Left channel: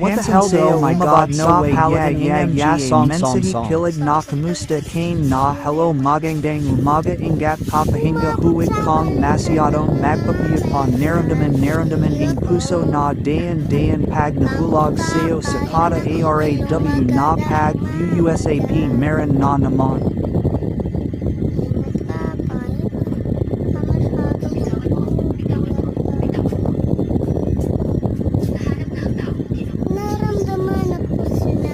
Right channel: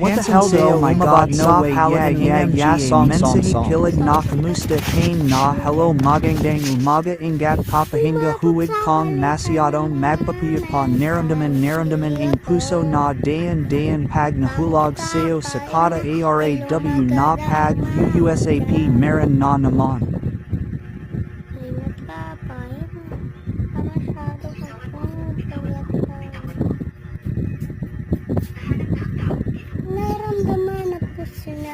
What the hell, oh my god, no way, yeah, song, kilig na kamusta kane na hello magandang umaga ingat papahinga huwag kong masyadong magpapayapon naramdaman ing puso na dayan pag nahulog sayo sa kada araw na pag uusap meron na naman. Naramdaman ako sila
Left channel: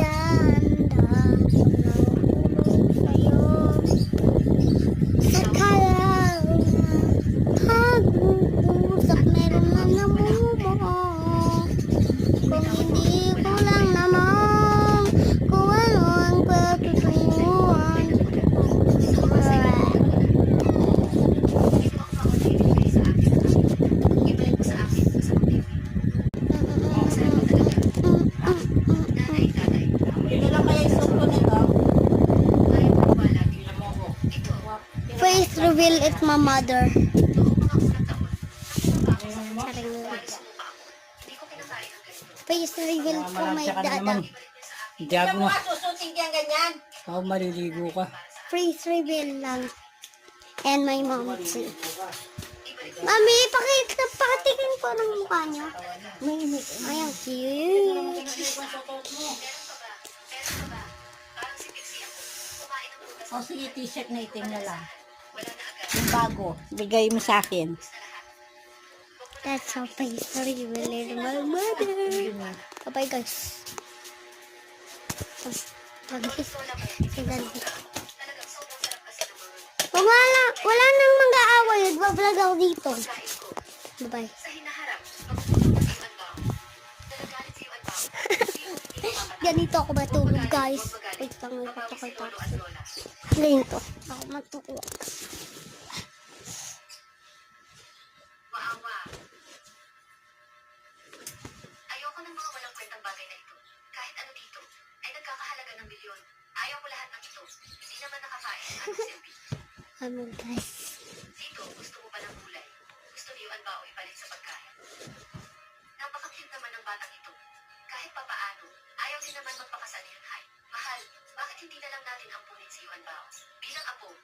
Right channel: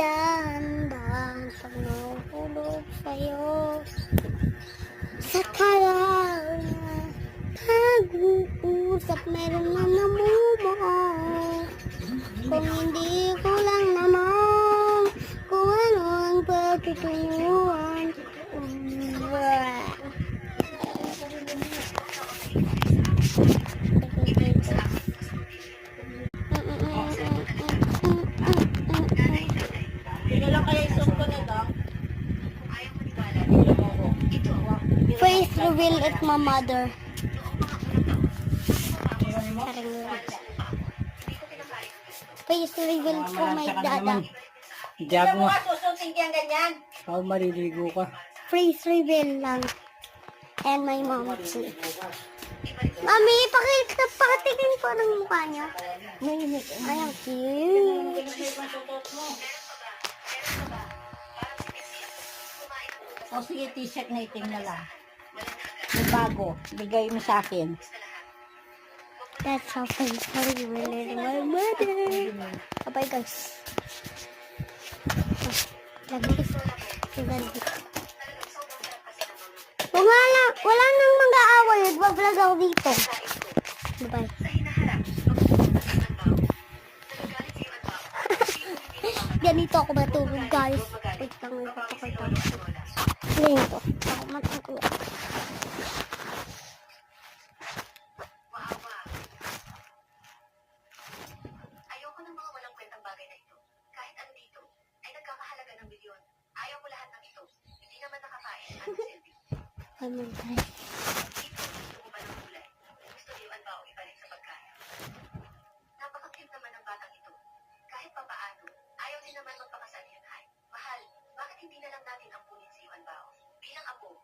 dahan-dahan pagpulog sa'yo sa kalaw na pag-uusap meron na namumuo kung hindi ko lang naman kung ano ang pagtutuyuan. Face reveal it's my mother. Face reveal po my dada. Diyago mo. Susunod yan ganyan. Ako maliligo ka. Face reveal lang. And my mom too. Mami, pakitingin ko ng mukha niyo. Ayan, cute. O sige, t-shirt na itim na lang. Yung bago, bigay mo sa akin. That's how face reveal is my mother. Bye guys. Wala nang mag-aaway. Nagbablog ako dito. Bye-bye. Ganito ako matulog, guys. Wait lang, may papakita ako. Ganito ako matulog. Ayoko ng mga walang kwentang bagay na ito. Kahit ano dito, ay nagkakahalaga ng milyon. Ayaw ko lahat ng ito. Hindi naman nakakain ang silbi. Ano, guys? Dito, gusto mo ba ng kulay? Gusto niyo ang bao ibalik sa pagkain? Napaka-cute naman ng batang ito. Kahit papaano, ayaw din naman magpakasal ni Hanhay. Mahal, bakit hindi na lang natin ampunin si Yuan Bao? Bilang apo,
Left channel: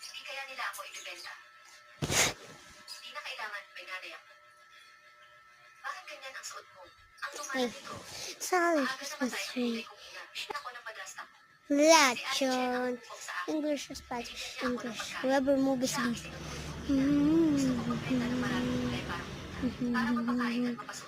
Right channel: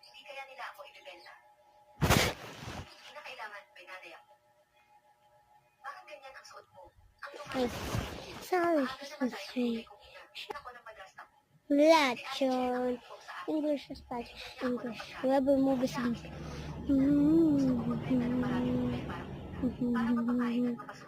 hindi kaya nila ako ibibenta. Hindi na kailangan may nanay ako. Bakit ganyan ang suot mo? Ang lumayo. Sorry, Aga naman tayo kulay kong ina. Ako ng madrasta. Lachon. English, Spanish, English. Whoever movies leave.